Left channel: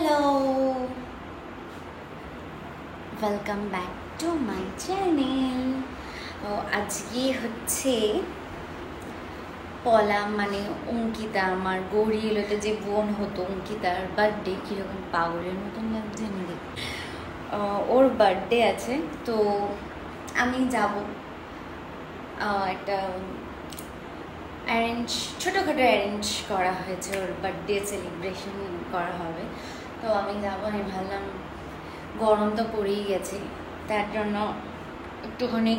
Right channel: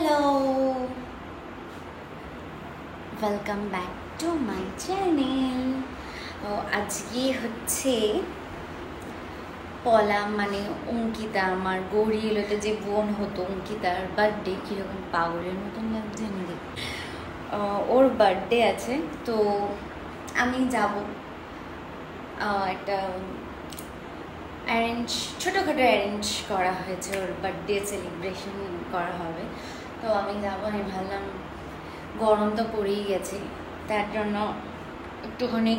Hello, welcome back to my channel. আজকে হচ্ছে পলা মানে অঙ্কিতা, আমার গৌরী এলোতে যে বোন হতো অঙ্কিতার বার্থডে। কীরকম পাগলের মতন লাগছে আমাকে। ওর বার্থডে আছে, তো আমি যাব। একটা ছোটোখাটো অ্যারেঞ্জ করা হয়েছে, ওর বার্থডে সেলিব্রেশন করা হবে, তো আমি যাবো। আমি ভাবলাম গরম তো পড়েই গেছে, তার জন্য একটুখানি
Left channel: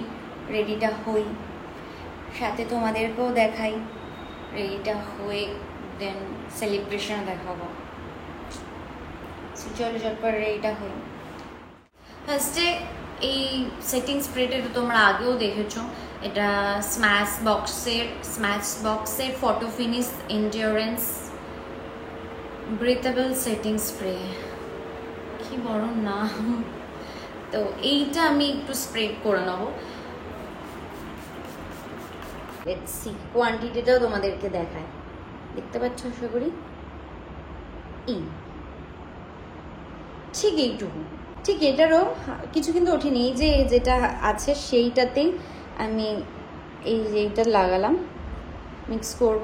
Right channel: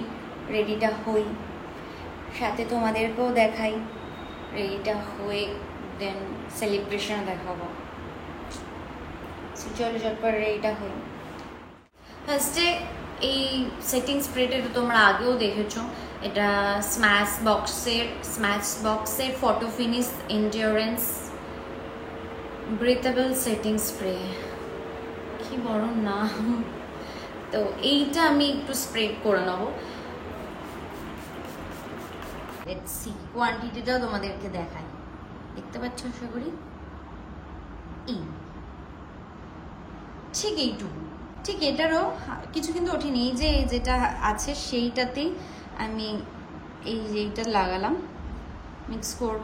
রেডিটা হই, সাথে তোমাদেরকেও দেখাই রেডিটা হয়ে, দেন সেলিব্রেশন দেখাবো। চলো চটপট রেডিটা হই। ফার্স্টে এই সেটিং স্প্রেটা তোমরা আগেও দেখেছো, এটা স্ম্যাশ বক্সের photo finish endurance breathable setting spray. কি বড় নাম! তো এইটা আমি একটু স্প্রে করে নেবো। লেটস সি, কোয়ান্টিটিটাও তোমাদেরকে দেখাই, দেখতে পাচ্ছ আশা করি। ঠিক এইটুকু, ঠিক এটারও কিছু কিন্তু ওঠেনি। এই যে যেটা আছে সেইটাতেই আমি এইটা লাগালাম, মিক্স করব,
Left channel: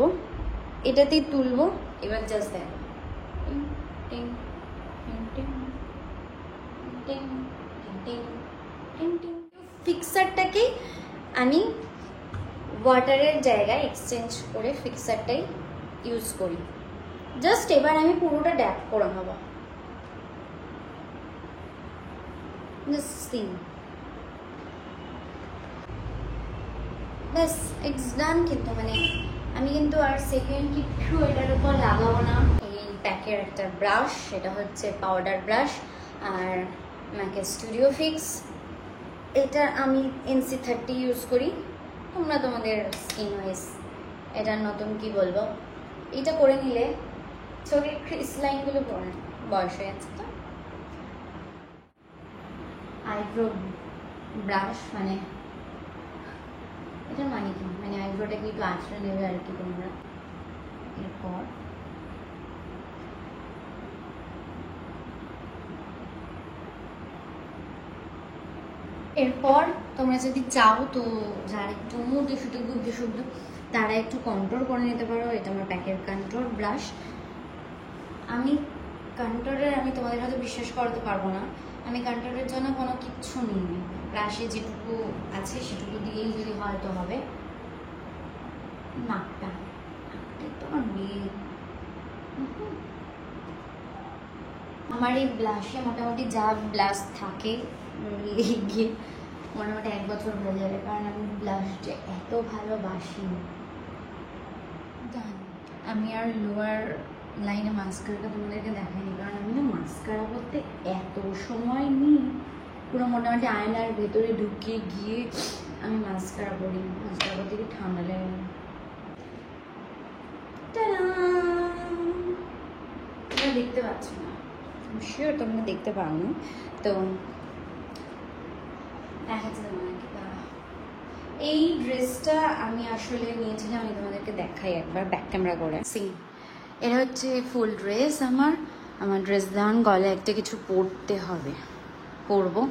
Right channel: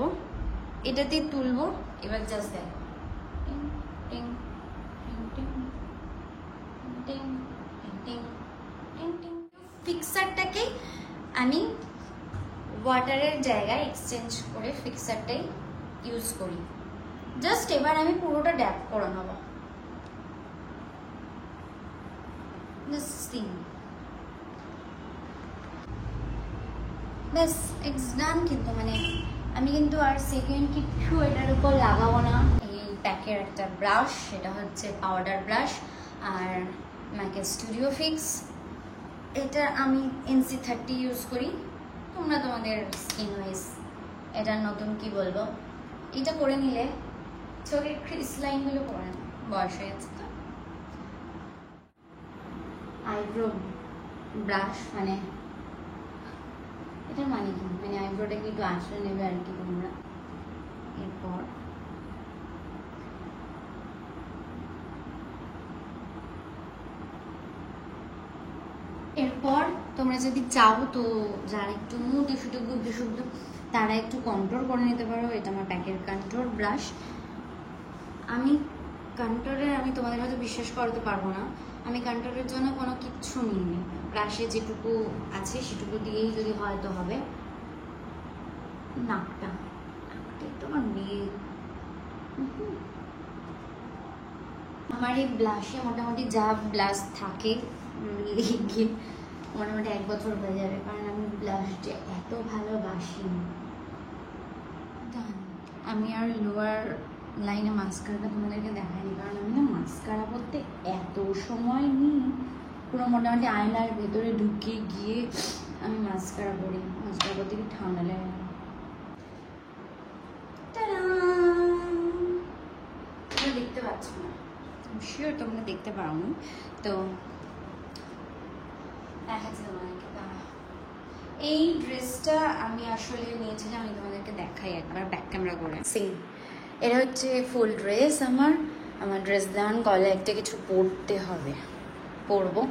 এটাতেই তুলবো। এবার জাস্ট দেখো, ফিক্সারটাকেই আমি ওয়াটারের জায়গায় এক্সচেঞ্জ করে ফিক্সারটাই ইউজ করি। জাস্ট এবার আমি পুরোটা ড্যাপ করে নেব। ব্যাস, ইটস ডান। কিন্তু মানে আমি কিন্তু আর সেকেন্ড কিছু এটার উপর লাগাবো না। এই প্যাকের একটা ব্রাশ, এটা হচ্ছে পাউডার ব্রাশ, আর ম্যাকে স্টুডিও ফিক্স। এটা আমি NC30 ইউজ করি, তোমরা তোমাদের স্কিন ওয়াইজ এটা নতুন কি বলবো, এটা করে নিলে চোখের ক্রিস লাইনগুলো পড়ে না, বয়স হয়ে যাচ্ছে তো। আইব্রো ব্রাশ মানে এটার মানে কি, মানে আইব্রোটাকে একটু আশ্রয় নেবে আর কি তোমরা। এরপর তোমরা যদি চাও তো যারা একটু মুটে ফুটে গুবড়ে শুবড়ে তারা একটু কন্ট্রোল করে নিতে পারো। এটা আমার প্যাকের কন্ট্রোল ব্রাশ। আমি কন্ট্রোলের আমি তোমাদের হয়তো বিশ্বাস করতে পারবো না, আমি কন্ট্রোলের জন্য কোনো কিচ্ছু নিইনি। ব্রাশে যেটুকু আছে সেটুকু দিয়েই যদি হয় তো হবে। নাকটা তোমার মেয়ে, আমার এই ব্লাশে মোটামুটি যা ব্লাশ থাকে গিয়ে মোটামুটি 1 বছর হয়ে যাবে, কারণ আমি ব্লাশটা এত ভালোবাসি। আমি আর লোয়ার লাইনে মাস্কারা তোমাদেরকে দেখাইনি, কারণ আমি না মাস্কারা করতে এত সময় নিই, পুরো মোটামুটি আয়নার ভেতরে ঢুকে গিয়ে আমি মাস্কারা করি। মাস্কারা করতে গিয়ে ঠান্ডা লাগে। তোমরা দেখতে পাচ্ছ না, শিওর তোমরা দেখতে পাও না, তো দেখাচ্ছে তোমাদেরকে। এই ড্রেসটা আমি আসলে নিয়েছিলাম, আমি তোমাদেরকে দেখাই একবার ব্যাক ক্যামেরা করে। এটা হচ্ছে ফুল ড্রেস। আমার ড্রেস দান গলায় একটা কিছু পরবো,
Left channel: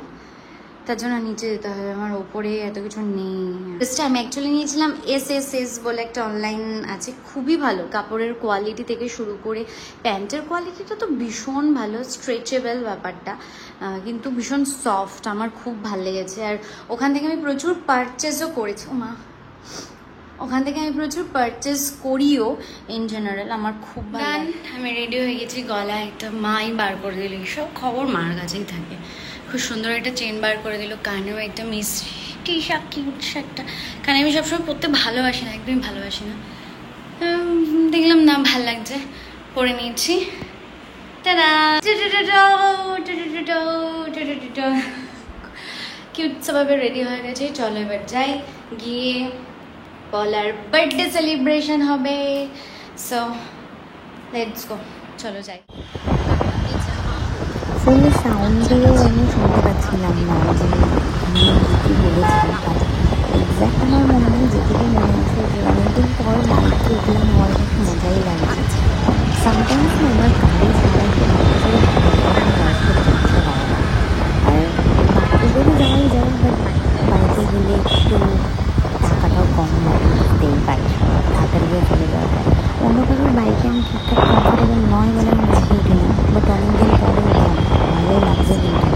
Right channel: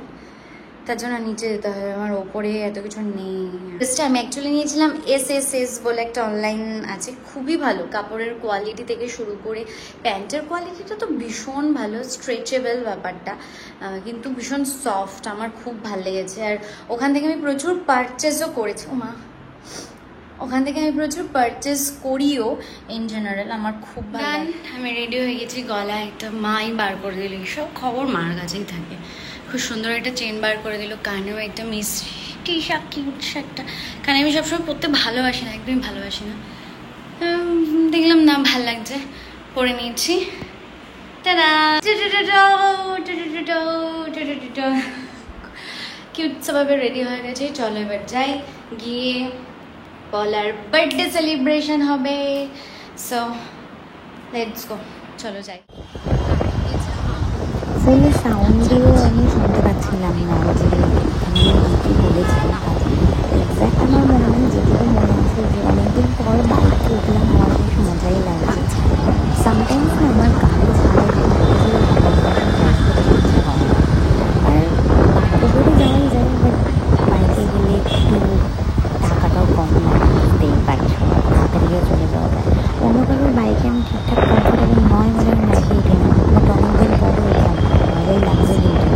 তার জন্য নিচে যেতে হবে। আমার ওপরে এত কিছু নেই। ড্রেসটা আমি অ্যাকচুয়ালি নিয়েছিলাম SSS বলে একটা অনলাইন আছে, খুবই ভালো কাপড়ের কোয়ালিটি থেকে শুরু করে প্যান্টের কোয়ালিটিটা তো ভীষণ ভালো, স্ট্রেচেবল ব্যাপারটা, কিন্তু ভীষণ সফট। আমার খুব ভালো লেগেছে। আর ওখান থেকে আমি প্রচুর পারচেজও করেছি। ওখান থেকে আমি প্রচুর পারচেজ করিও ইন জেনারেল। আমার খুব ভালো। আমি রেডি হয়ে গেছি, গলা একটা মাই বার করে দিল, সব খবর মার কাছেই থাকে। খুব সুন্দর একটা চেন বার করে দিল, কানেও একটা মিষ্টি কিউট একটা, কারণ আমি সবসময় পরতে ভালোবাসি না, একদমই ভালোবাসি না। দেখলাম না ভাল লাগছে, পরে নিয়েছি। কিউট ভাবে রেডি হয়ে গেছে। চলো এবার যাই, গিয়ে পলার বার্থডে সেলিব্রেশন হবে। সো লেটস গো, চলো যাই। ফুল সাউন্ড দিয়েও আমি শুনতে পাচ্ছিলাম না যে এখানে কি বলেছিলাম, বাট এক্স্যাক্ট আমার মনে নেই, যেটুকু মনে আছে যে অনেকদিন পর বাইকে উঠলাম, আমার বেশ মজাই লাগছে। সামটাইমস না আমার গাড়ি ছাড়া একটু বাইকে চলে ভালো লাগে, ড্রাইভ করতে ইচ্ছা করে না। আর বাইকে করে যাওয়াই যায়, বাট বাইকে গেলে একটু টাকাটাও কম লাগে, বুঝতেই পারছো, তাড়াতাড়িও চলে যাওয়া যায়। অন্য কারোর বাইকে আমি ঠিকঠাক কমফোর্টেবল নয় বলে আমি বাইকে উঠি না, বাট অনেকদিন পরে উঠলাম, মজাই লাগছে কিন্তু।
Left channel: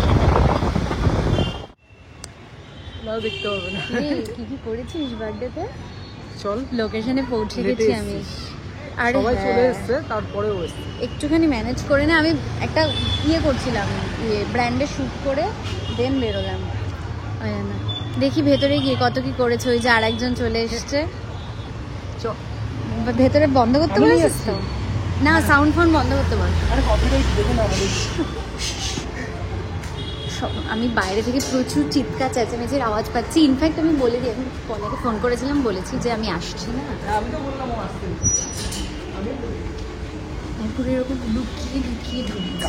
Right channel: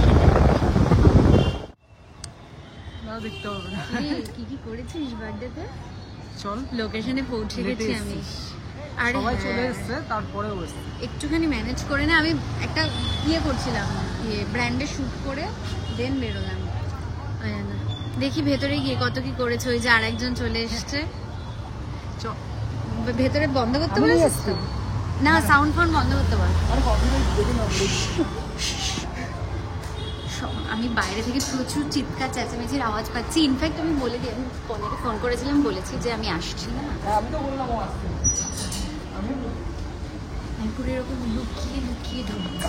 দেখতে হবে না কি কি করেছিস বার্থডেতে? চল, লোকেশনে পৌঁছে গেছি আমি। আর সবাই চলে এসেছে, তারপরেও এসেছে। একটুখানি ম্যানেজ করে না, আমি একটা করছিলাম, ব্র্যান্ডে শুট করে দেন বেরোলাম। না দেখি ভেতরে গিয়ে কত কি করেছে। ওই যে আরেকজন চলে এসেছে, ভেতরে বন্ধ করতে বলেছিস তো? না, সাউন্ড ফোন বন্ধ করতে বল। আমি বাইরে থেকে প্রচুর চিৎকার চেঁচামেচির আওয়াজ পাচ্ছি। ইনফ্যাক্ট আমি বলে দিই, আমি কলাকে ফোন করেছিলাম, বলেছি যে আমি আসছি না। আমি পুরো এরকম লুকিয়ে লুকিয়ে ঢুকছি।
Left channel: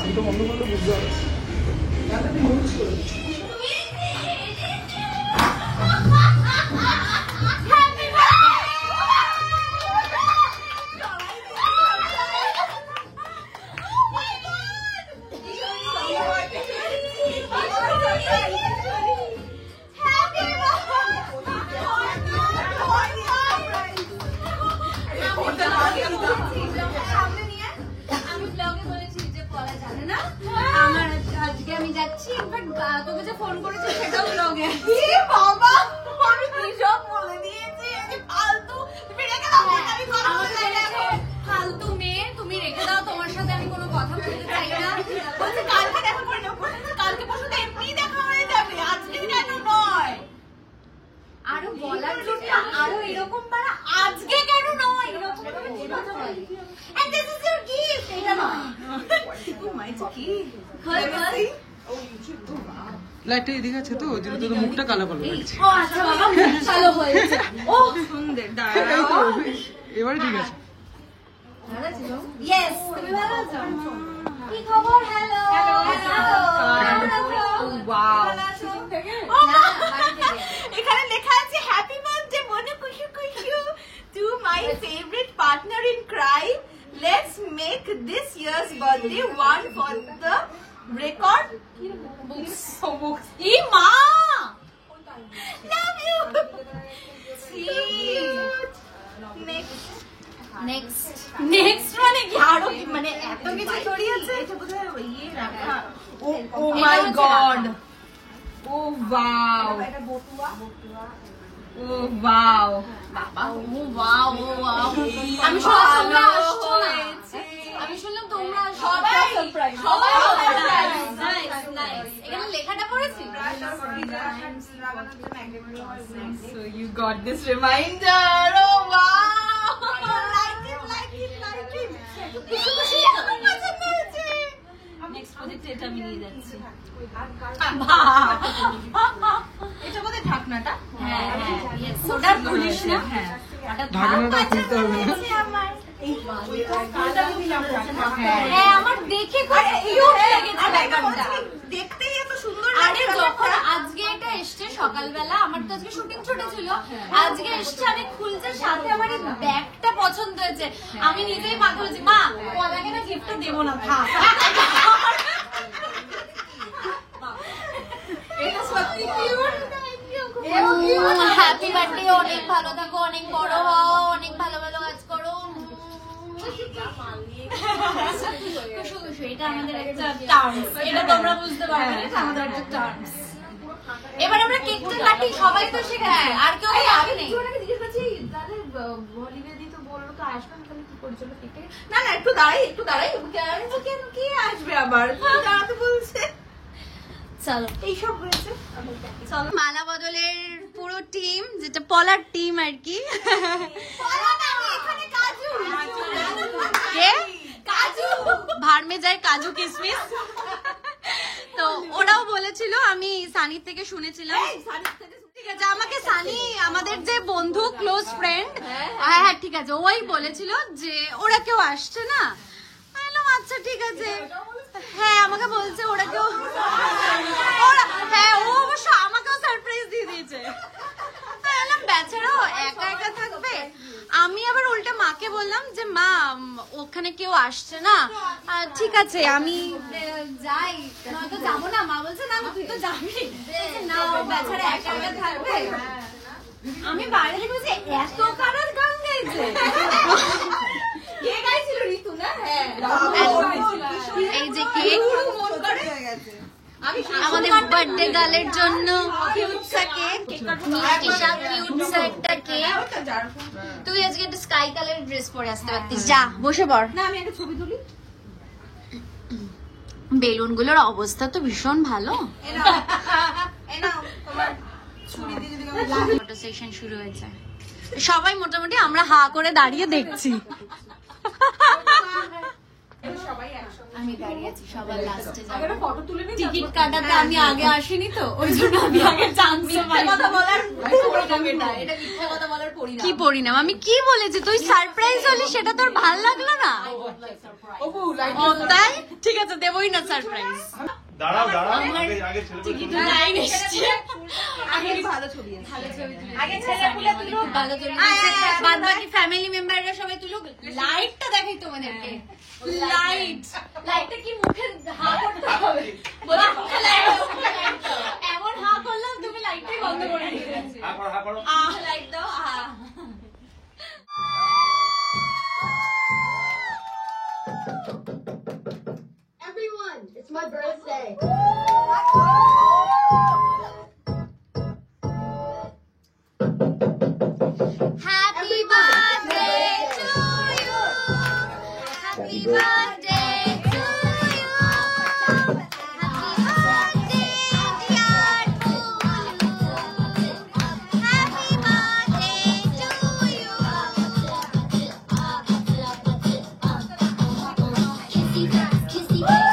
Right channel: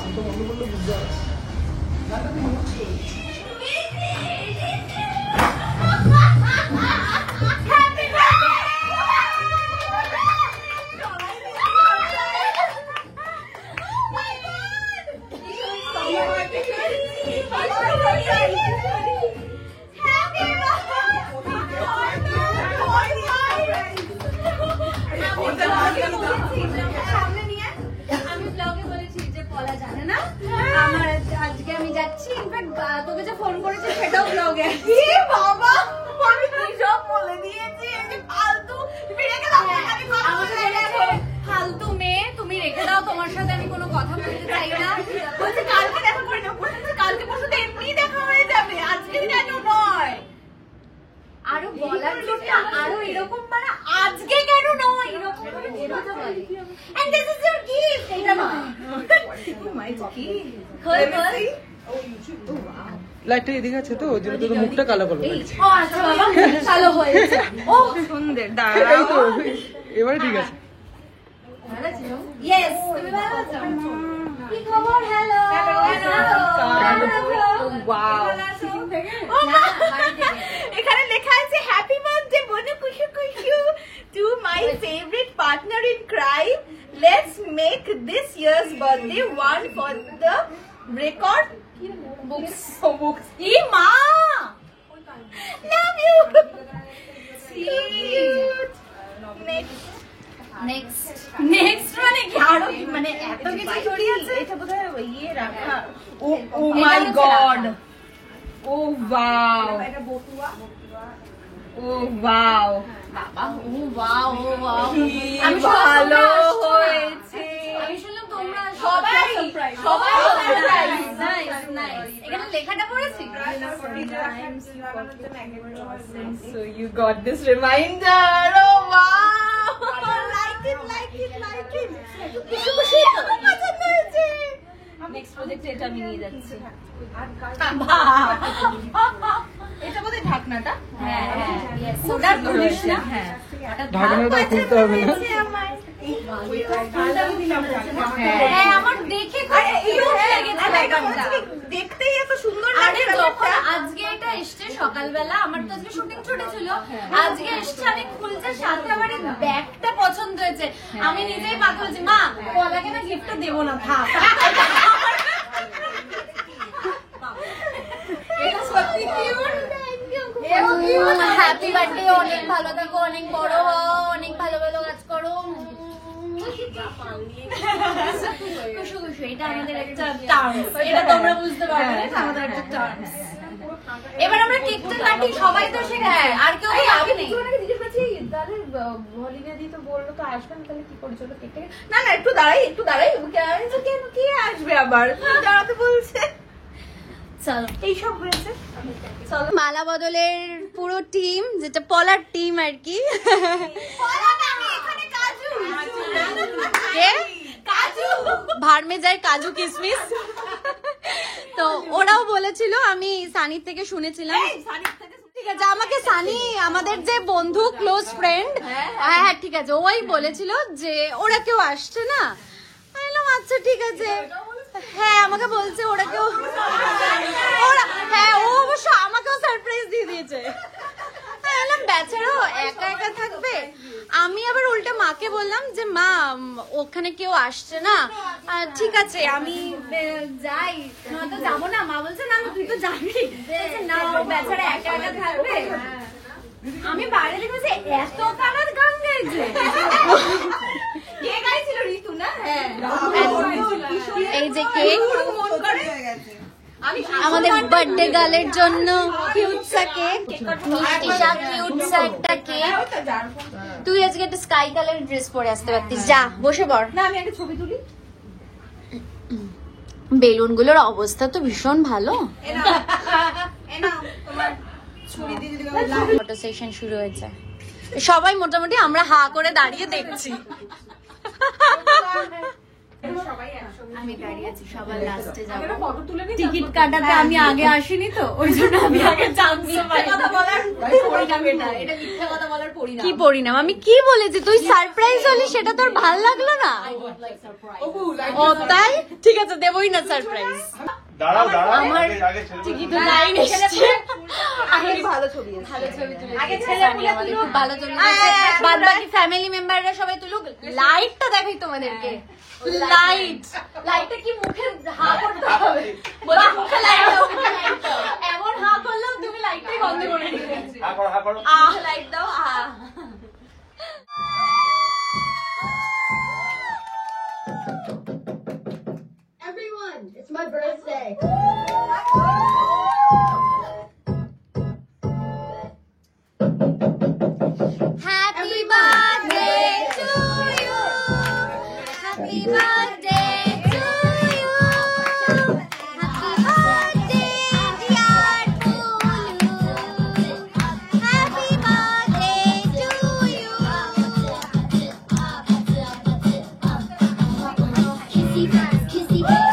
আজকে আমি যাচ্ছি, ইনফ্যাক্ট তোকে যে ফোন করেছে সেটাও ব্লগে। বাবা আমি কি সব বলে দিয়েছি, ফালতু ফালতু মেয়ে, তুমি রেখে দাও, তোমার সাথে আমি কোনো কথা বলতে চাই না। বলছি কালকে দেখা করে নেবো, কালকে পরশু তো এমনি দেখা হয়ে যাবে, আজকে কেন নয়? আরো বলার জন্য আরো এরকম পারা, আজকে কেন নয় এরকম and this is your gift, এটা নয়। Oh my god, লাইটটা এদিকে আছে তো, ওই জন্য তোর মুখটা কালো কালো লাগছে। ও আচ্ছা বাবা, কালো হয়েছে। ও সুন্দর, দাঁড়াও এবারে ঠিক আছে। ইয়েস, তুমি ভালো আছো? কি খবর? হ্যালো ওয়াও, এখানে লেখা আছে happy birthday Manu Kushu Kushu to my favourite partner in crime, let's make this year's birthday one for the record books. ই মা, লাভ ইউ। নেক্সট মানে কি আরো, মানে এত কিছু জড়িয়ে আছে। এটা বোধহয় ইয়ে রাখা। ও মাই গড, ও ওয়াও, ও ওয়াও বাবা, ও ওয়াও, ও ওয়াও। আমি ভালো হয়েছে, আমি শুনলাম তোমরা সবাই সারপ্রাইজ। নাইস নাইস, এখানে লেখাটা করেছি। So you got this reminder. Oh wow, like it. খুশি খুশি, আমার পছন্দ হয়েছে। নেক্সট প্রজেক্টে এটা আমি নিয়ে যাচ্ছি। এটা বোধহয় ঢাকনাটা। হ্যাঁ হ্যাঁ, ইয়েস, ওটা খুলিস না। হ্যাঁ, ঢাকনাটা খুলতে হবে না। হ্যাঁ, আমার দেখে দেখতেই এত সুন্দর লাগে। আজকে এটা এসছে সকালবেলা, আমার তো আজকে শুটিং ছুটি ছিল, আজকে এসছে, আমি খুলতে সাথে আমার এই ব্যাগটা পছন্দ হয়েছে। আমি নিজেই পাগল হয়েছি, মা পলাকে না গিফটটা দেবো না, থাক। হ্যাপি বার্থডে, অনেক ভালো থাকো, অনেক বড় হও, অনেক ভালো ভালো কাজ করো। খুশি খুশি, এটা আমাদের একটা টার্মস, এটা তোমরা বুঝতে পারবে না, এটা আমাদের একটা টার্মস। এবার আমরা কেকটা কাটি, সবাই তো শেখায়, আর কেউ আগে নেই। জিজ্ঞেস করছি তাহলে হলিডে তো বললো তো আসবে না, তাহলে কি করে চলো কেকটা। না একটু দাঁড়াই, কেন কি আসবে আবার, দাঁড়াতে বলছে। চলো, এইসব হয়েছে। মালা বদলের পুরো টিম, যেটা পলার টিম আর কি। ভার্মে যায় কাজু কিসমিস, তো ওরাও বলেছিল, আমি সানির থেকে শুনেছিলাম। ঠিক আছে, আমাকে সানি আমাদের যে বন্ধু ক্লোজ ফ্রেন্ড, হ্যাঁ ঠিক আছে, ওই বলেছিল যে ওরা কেউ আসছে না। আচ্ছা ঠিক আছে, হ্যাঁ আমাকে বলছে ওরা কেউ, হ্যাঁ ও অবশ্য আমাকেও সারপ্রাইজ দিয়ে দিয়েছে। ভাবলাম বেচারাও একা একা থাকবে, আমি আবার উল্টা মাকে বললাম যে মা ওখানে কেউ আসছে না, ঠিক আছে আমি যাই, নয়তো যাবো না। মা বলছে না তুই তো যাবি না, ও বেচারা একা একা থাকবে। আমি বাইরে বসে এত কারার গান গাইছে, এই যে কেক আমাদের বার্থডে গার্লের জন্য, কিউটসা কেক। তুই আজকে একটা স্কাই কালার ড্রেস পরে আসতে পারতিস, যা বসে পড়। না আমি একটা ছবি তুলি। বেলুন গুলোর অবস্থা তো ভীষণ ভালো। ফটো সেশন শুরু হয়েছে, সবাই মোটামুটি আমরা হা করে দাঁড়িয়ে দেখছি। আমি দাঁড়িয়েছি, সবার লাস্টে যাবো। টিকিট কাটাতে আমি আগে আসিনি তো, ওই জন্য আমি আগে কি পরিণাম। আমি কি বলেছি, তুই সারপ্রাইজ হলি, সেটা তোর ভাল লাগলো না? ও তাই, ঠিক আছে দেবই না সারপ্রাইজ। আমার টিকিট লাইন এসছে, ভালো ছবি তুলেছে, আমাদের খুব ভালো ছবি তুলেছে। বাদ বাকি ফ্যামিলি মেম্বাররা সবাই তুলুক। লাইটটা দেখাই তোমাদেরকে, লাইটটা কি মুখে হা করতে হবে, বলে মুখে লাইট দাও, এমন হা করলেও তুমি লাইটটাই বন্ধ করে দিলে। লাইট দাও। Everyone, it's my birthday. Happy birthday to you. Happy birthday to you. Happy birthday, dear Pulu. Happy birthday to you. Kissy face, kissy face.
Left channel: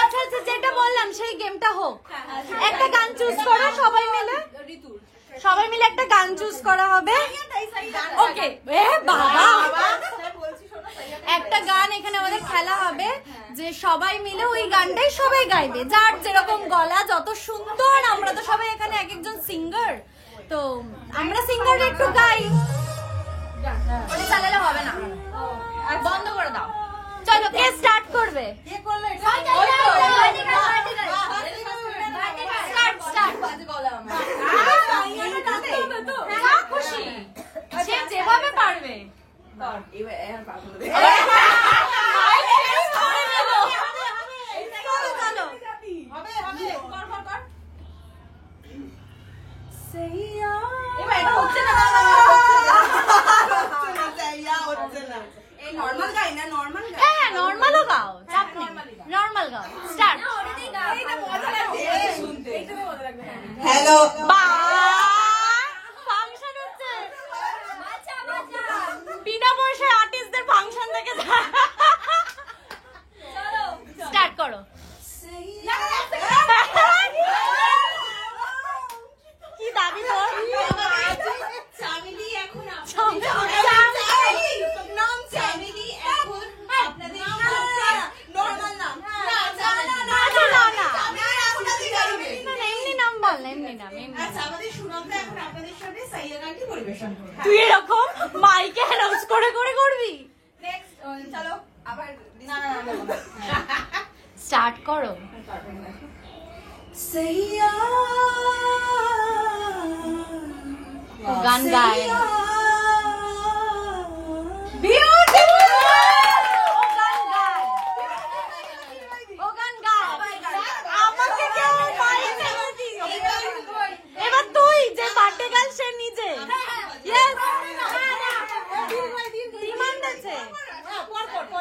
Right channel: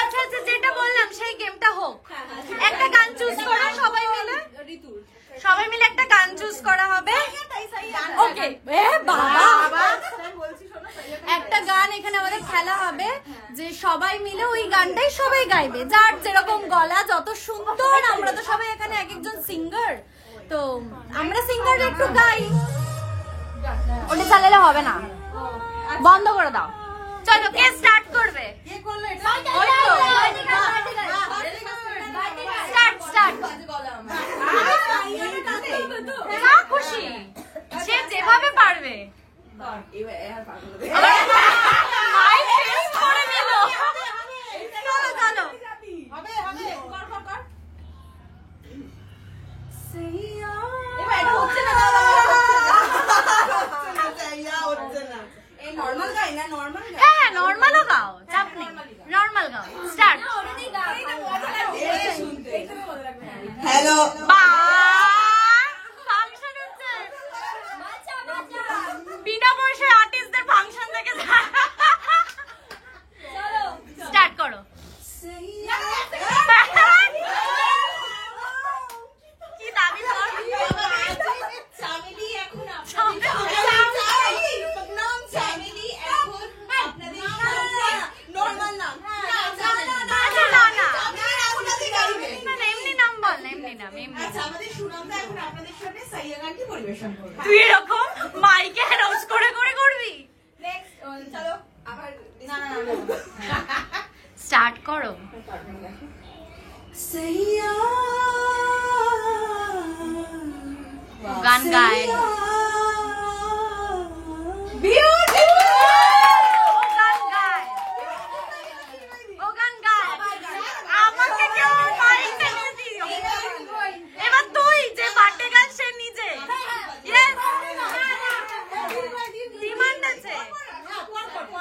আচ্ছা আচ্ছা, যেটা বললাম সেই গেমটা হোক। একটা গান চুজ করো সবাই মিলে, সবাই মিলে একটা গান চুজ করা হবে। ওকে বাবা, একটা গান এখানে আমাদের খেলা হবে, যে সবাই মিলে ওই গানটাই সবাই গাইবে, যার যেরকম গলা যত সুন্দর। আমরা তো সবাই এখানে এক একজন সিঙ্গার, তো আমরা সিঙ্গার একটু গাই। ওটা চালালে হবে না, বন্ধ করে দাও। চলো, কে স্টার্ট করবে? খুশি যে যেভাবে পারবে। নর্মাল গাই না, নর্মাল গাই। হ্যাঁ নর্মালও গাও, চাপ নেই, নর্মাল গাও। স্টার্ট। হ্যালো, ফাংশন হচ্ছে, বিনা পয়সায় আর্টিস্টদের ফাংশন দেখে। স্টার্ট করো। কি দাবি? তুই এরকম মাইকে অ্যানাউন্স করে করে করবি। নেক্সট চলো আবার না স্টার্ট করো। সইয়া ও গান গায়। এবার তুই যে বার্থডে গার্ল সে নিজে।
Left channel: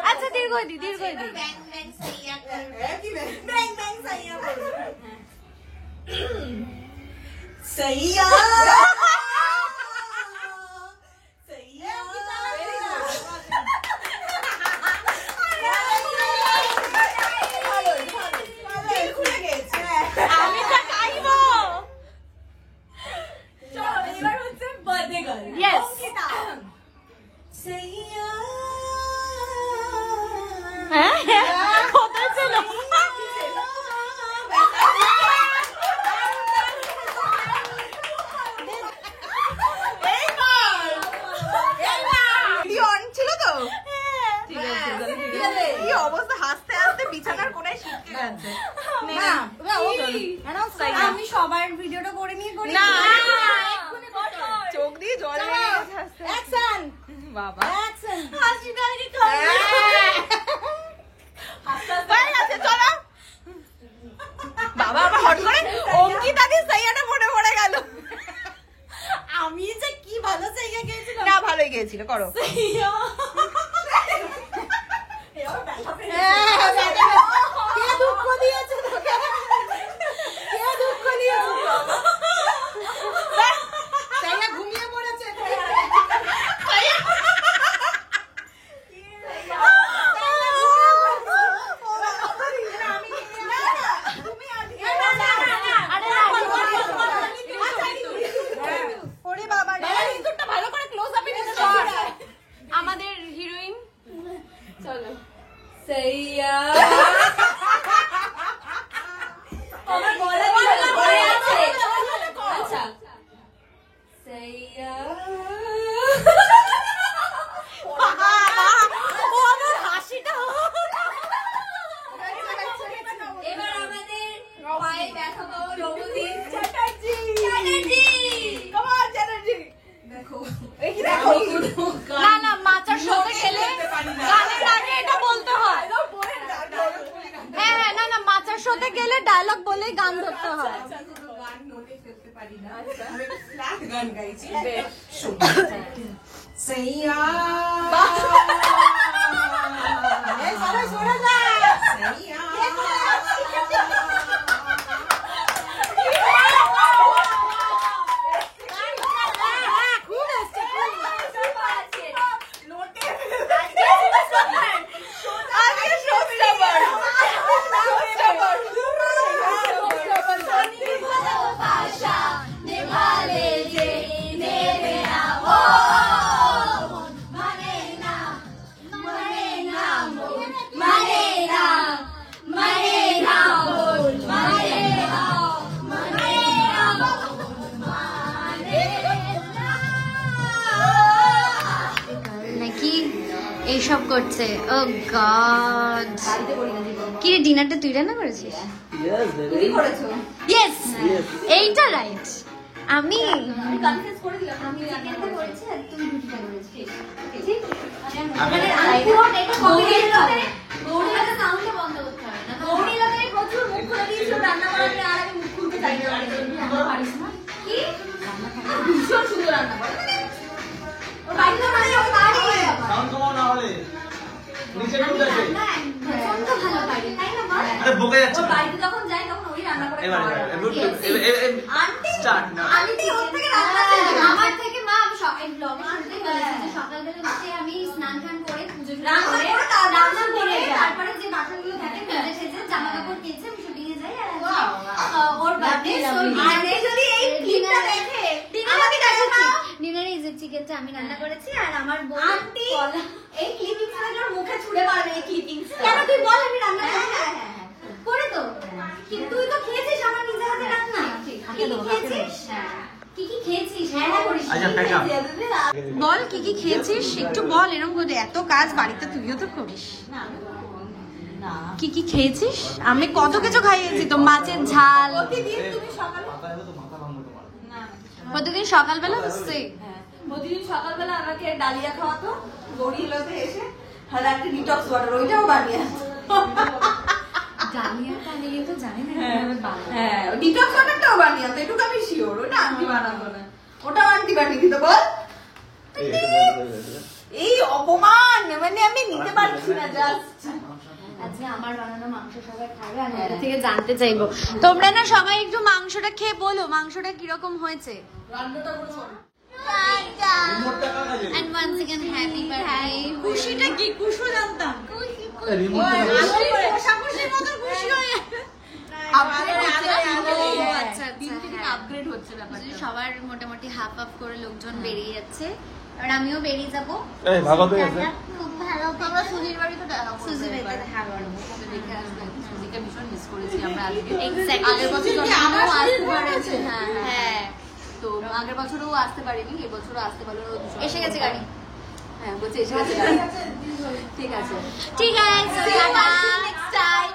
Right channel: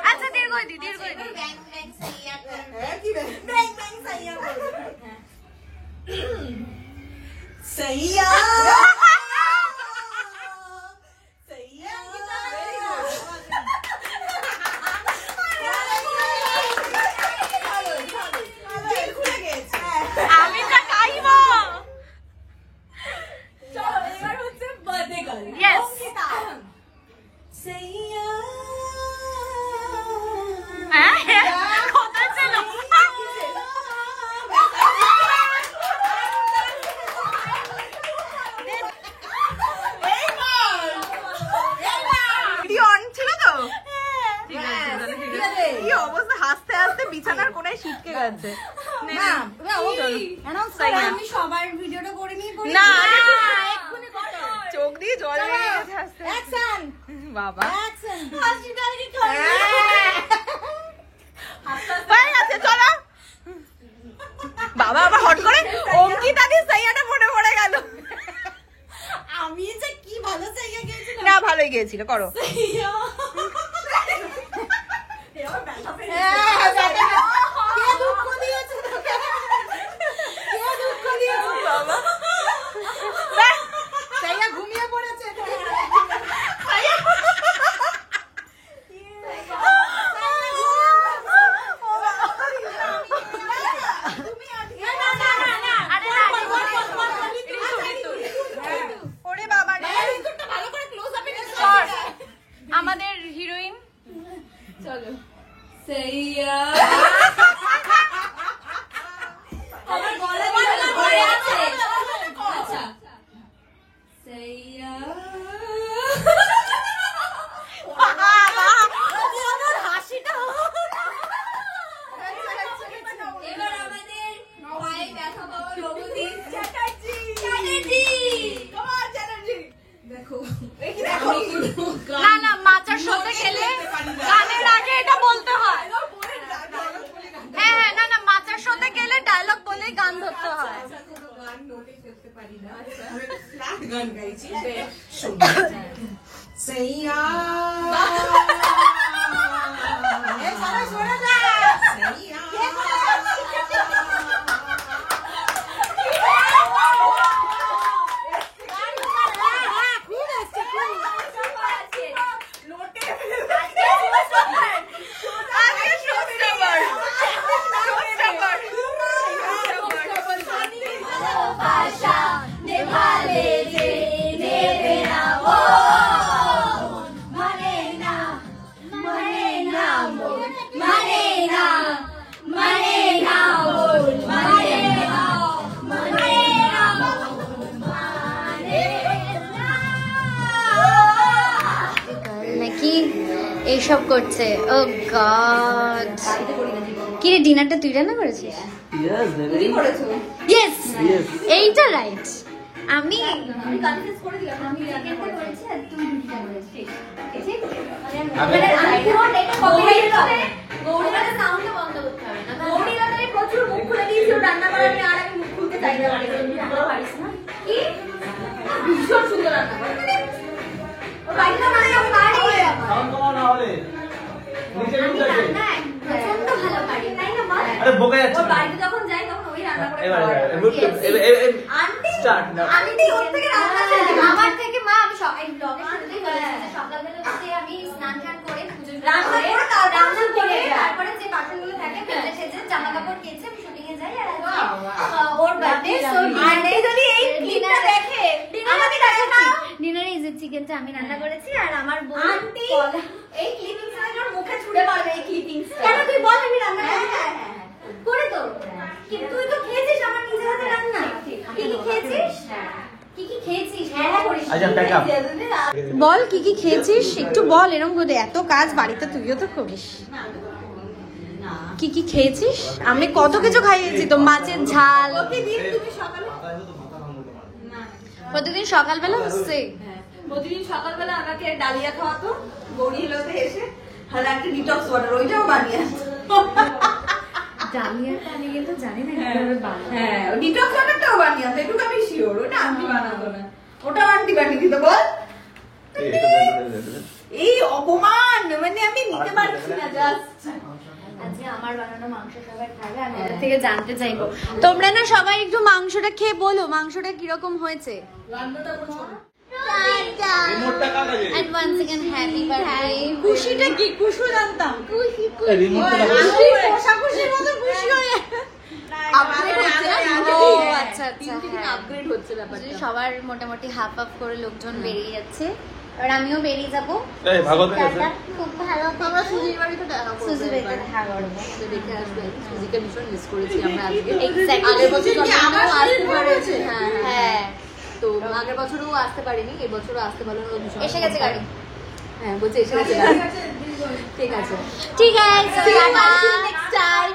আচ্ছা দীর্ঘদি দীর্ঘদি। সইয়া আমি তো খাইব। চলো এবার হচ্ছে বার্থডে গার্ল। Yes. সইয়া হ্যাঁ কোথায় ছিল? ছিল তো ঠিক আছে তাহলে ঠিক আছে। কি অবস্থা, হাসতে হাসতে বিছানার কোনায় শিখকে গেছে। আমি সবার ভিডিওটা করে নিয়ে করি না, চোখ দিয়ে জল বেরিয়ে গেছে হাসতে হাসতে। বাবা হয়ে গেছে, চলো। বাবা আবার হট করে অঙ্কিতাদির সাইয়াটা মনে পড়ে গেল। আমি যে কি ভালো জায়গা গিয়েছিলাম। না ভালোই গিয়েছিল, করো। আমাদের হিরোইন চলো সইয়া আমার গলা ধরে আছে। আচ্ছা সইয়া হাসিটা এবার আমাদের পায়ে ব্যথা পাওয়া রঘুদী চ্যাটার্জি। Come on Chatterjee. দেখো এই কি দেখো না না মাচার সাথে গেলে গানের আগে এটা বলতে হয়। হ্যাঁ হ্যাঁ না না মাচার সাথে গেলে ডায়লগ বলেই গান ধরতে হয়। গান নোটে ফেলতে পারি না। আমি ফ্ল্যাট গান গাইছি। সইয়া এ সারা শোনা যায় সইয়া নাকি এইসব করছে। ও গড, কি রে ডিনারটা তুই রান্না করেছিস? ইয়েস এইটা রাইট। আমি আরে বোকা যাচ্ছে না। এবার স্টার্ট না। আমার থেকে মা আমি সকাল ব্লগে শুনতে বলেছি সকালবেলা উঠে আমি স্নান টান করে পুজো রান্না করে তারপরে যে বাসনগুলো থাকে ফেলে সেজে জামা কাপড় কেচে আমি শুটিং এ যাই। আর ওর বাদে যদি এই ক্লিপটা দেখে ডিনারে এই যে চিকেনটা আমি রান্না করেছি আর আমার আন্টি এই ক্লিপিংসটা তোর মুখে ছুঁড়ে মারবে। এই ক্লিপিংস কেন তুই বল আমি রান্না করে তো তুই তো খেয়েছিস আমার নিজের হাতে রান্না। কি কি খেয়েছিস? কি কি খেয়েছিস? হ্যাঁ করিস আচ্ছা প্যাক আপ। বল কি কি খেয়েছিস একটু বল, এরকম করে এত কাজ বাড়িতে তুইও তো করিস। কি কি খেয়েছিস? আমি কত কিছু খাইয়েছি তো, মাছের ঝাল প্রতিদিন সকালবেলা হচ্ছে। প্রতিদিন সকালবেলা আমাকে ডালিয়া খাওয়াতো গৌরী হিলোতে এসে, আর একটা ডিটক্স ওয়াটার ওইটাও বানিয়ে ডালিয়াটা আমি কিন্তু জানি না কিভাবে বানায়। হ্যাঁ ডিটক্স ওয়াটারটাও বানিয়ে আনতো, এটুকু আমি শিওর। ওটা আন্টি বানাতো না, ওটাও আন্টি বানিয়ে দিত। বল এই অপমান, মানে আমি নিতে পারছি না জাস্ট। আজকে আমার বানানো মাংস সবাই খাবে, আমি ওদের থেকে জানতে চাইবো। তোমরা না সবাই একটু মাংসটা খেয়ে বলো মাংসটা কিরকম হয়েছে। রিমোটটা কার কাছে? And once again happy birthday. খুশিটা কি? খুশু জানতাম। এই রিমোটটা কার কাছে? খুশির মতো খুশি হয়ে আপগ্রেড হচ্ছে না, ও আচ্ছা আচ্ছা, আপগ্রেড হচ্ছে ব্যাপারটা। সবার মোটামুটি হাফ হাফ করে লোকজন বেরিয়ে যাচ্ছে, এবার আমিও বেরিয়ে যাবো। এই ভাগবত আছে? খুব ভালো, আমরা সুজির বাড়িতে দেখা করবো সুজি এবার। বেরিয়ে দেখা করবো। দেখে আসবেন, সুজিকে ভীষণ মিস করেছি আমরা আজকে। Exactly. আগের বছর জন্মদিনেও আসতে পারেছে। হ্যাঁ হ্যাঁ হ্যাঁ তো আগের বছরও আসতে পারিনি, এবছরও আসতে পারলো না, ভীষণ এসে গেছে গাড়ি। হ্যাঁ বলছে এসে গেছে গাড়ি। ঠিক আছে ঠিক আছে, See you next time.